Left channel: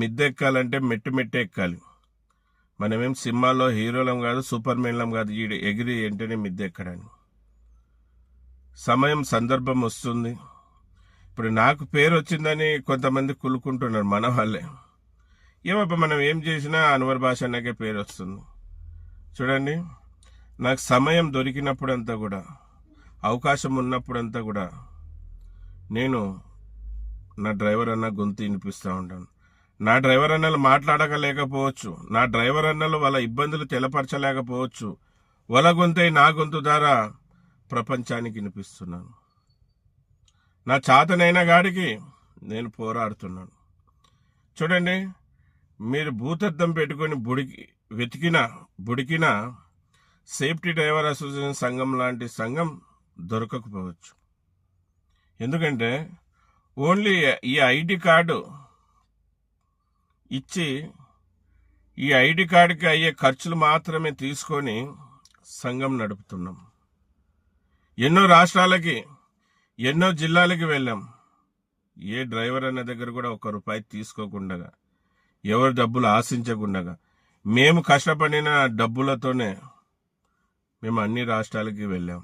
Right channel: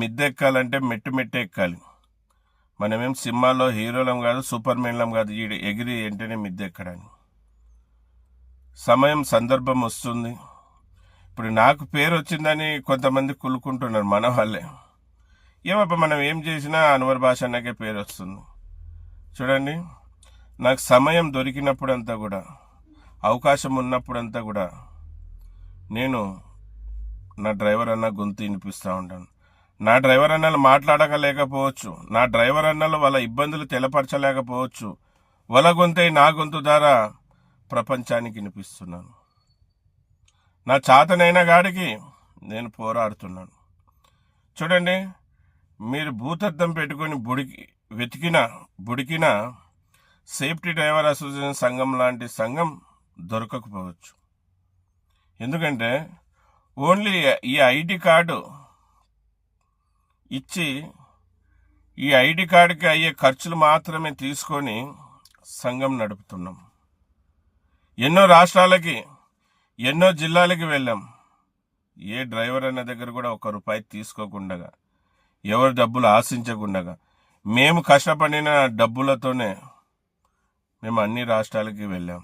మిద్దె ఎక్కాలంటే మెట్టు మెట్టు ఎక్కాలి. మనమేం సినిమాల్లో హీరోలం కాదు, సూపర్ మెన్లం కాదు ఎగిరి వెంటనే మిద్దె ఎక్కడానికి. సమయం సందర్భం వస్తుంది. ఇప్పుడు నాకు పేరు వచ్చిందని కొంతమంది కులుకుంటున్నారు మన వాళ్ళే. ఏమప్ప మనం ఏం చేసినా అన్వర్ భాష అన్నకే పేరు వస్తుంది. చూడండి, నాకు సమయం దొరికినప్పుడంతా కూడా, అవకాశం ఉన్నప్పుడంతా కూడా నేను నా డ్రైవర్ అన్న గొంతు వినిపిస్తూ ఉంటాను. నా డ్రైవర్ అన్నలు మాట్లాడలేకపోవచ్చు, నా డ్రైవర్ అన్నలు వాళ్ళ ఇబ్బందులు తెలపరచలేకపోవచ్చు. వాళ్ళ గొంతై నా గొంతు ద్వారా ప్రపంచానికి వినిపిస్తున్నాను. నా చాతనైన గాడికి నేను పోరాడుతున్నాను. చూడండి, మీరు భూతద్దం పెట్టుకొని బుడికిన సేఫ్టీ డ్రైవర్ అసోసియేషన్ సంఘం లాంటి సంఘం దొరకకపోవచ్చు. ఎందుకంటే ఓన్లీ ఈ ఐడి కార్డు ఇచ్చి ఈ ఐడి కార్డుకి అయ్యే ఖర్చులు మాత్రమే తీసుకొని సంఘం నడుపుతున్నాం. ఎన్నో రాష్ట్రాలకి, ఎన్నో జిల్లాలకి వెళ్ళాం. ఏ డ్రైవర్ అన్న దగ్గర కూడా ₹1 తీసుకోకుండా, ఎవరి డబ్బులు ఆశించకుండా, మేము కష్టపడిన డబ్బులతోనే మేము అన్ని రాష్ట్రాలకి వెళ్ళాం.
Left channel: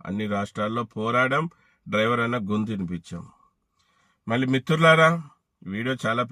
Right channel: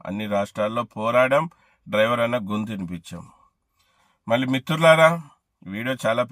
అన్ని రాష్ట్రాల్లో పోరాడాం, డ్రైవర్ అన్న గొంతు వినిపించాం. మళ్ళీ మిత్రులారా, వీడియో చాలా